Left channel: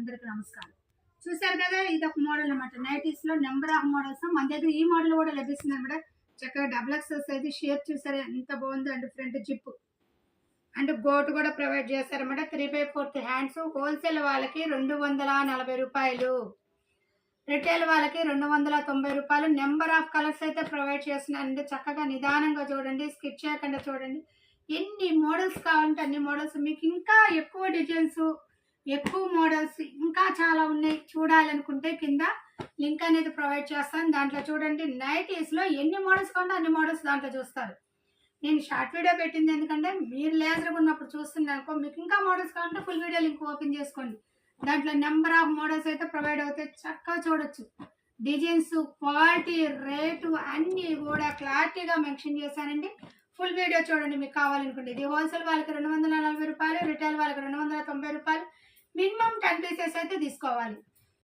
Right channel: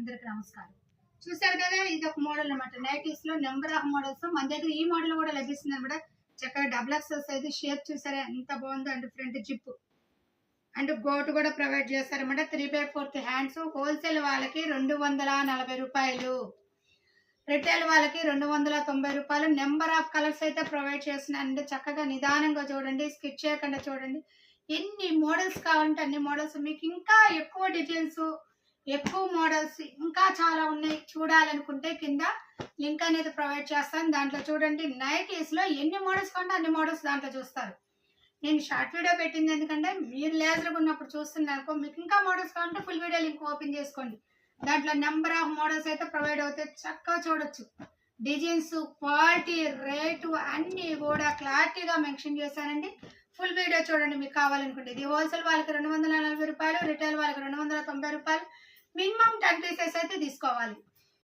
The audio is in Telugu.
అందరికి నమస్కారం. చూసారు కదా, ఇది ఒక మోడల్ అన్నమాట. నైటీస్ లో నెంబర్ ఆఫ్ మోడల్స్ మన దగ్గర ఈ మోడల్ కూడా లభిస్తుంది అనమాట. చక్కగా డబుల్ ఎక్సెల్ సైజ్, షేప్ చూసారా ఎంత బాగుందో. And front zip and goat కూడా ప్రొవైడ్ చేస్తారన్నమాట. 3/4 హ్యాండ్స్. హోల్సేల్ వాళ్ళకి 240 రూపాయలు, రిటైల్ వాళ్ళకి 290 రూపాయలు. నెంబర్ ఆఫ్ కలర్స్ అయితే ప్రొవైడ్ చేస్తున్నానండి. చక్కగా నిదానంగా చూడండి, స్కిప్ చేయకుండా చూడండి. ఎన్ని మోడల్స్ కావాలంటే అన్ని మోడల్స్. మీకు ఇంకా ఎక్కువ డిజైన్స్, ఎక్కువ మోడల్స్ ఇంకా చాలా ఉన్నాయి. చూడాలనుకుంటే కింద లింక్ అనేది ప్రొవైడ్ చేస్తాను, దాంట్లో చూడండి. నైటీస్ లో ఎన్ని మోడల్స్ కావాలంటే అన్ని మోడల్స్ దాంట్లో చూస్తారు. నేను షార్ట్ వీడియో పెట్టింది ఎందుకంటే మీరు లేజర్గా ఉన్నప్పుడు చూస్తున్నాను. మీకు ఇంకా మోడల్స్ కావాలంటే ఫుల్ వీడియో లింక్ ఓపెన్ చేసుకోండి. దాంట్లో నెంబర్ ఆఫ్ మోడల్స్ అయితే ప్రొవైడ్ అవుతాయి. చక్కగా చూడొచ్చు. డిజైన్స్, క్వాలిటీ, రేటు అన్నీ కూడా క్లారిటీగా మెన్షన్ చేశానండి. ఫుల్ వీడియో చూడండి మీకు కావాలనుకుంటే. ఇది హోల్సేల్ వాళ్ళకి 240 రూపాయలు, రిటైల్ వాళ్ళకి 290 రూపాయలు. మినిమం 10 పీసెస్ అయితే తీసుకోవాలి.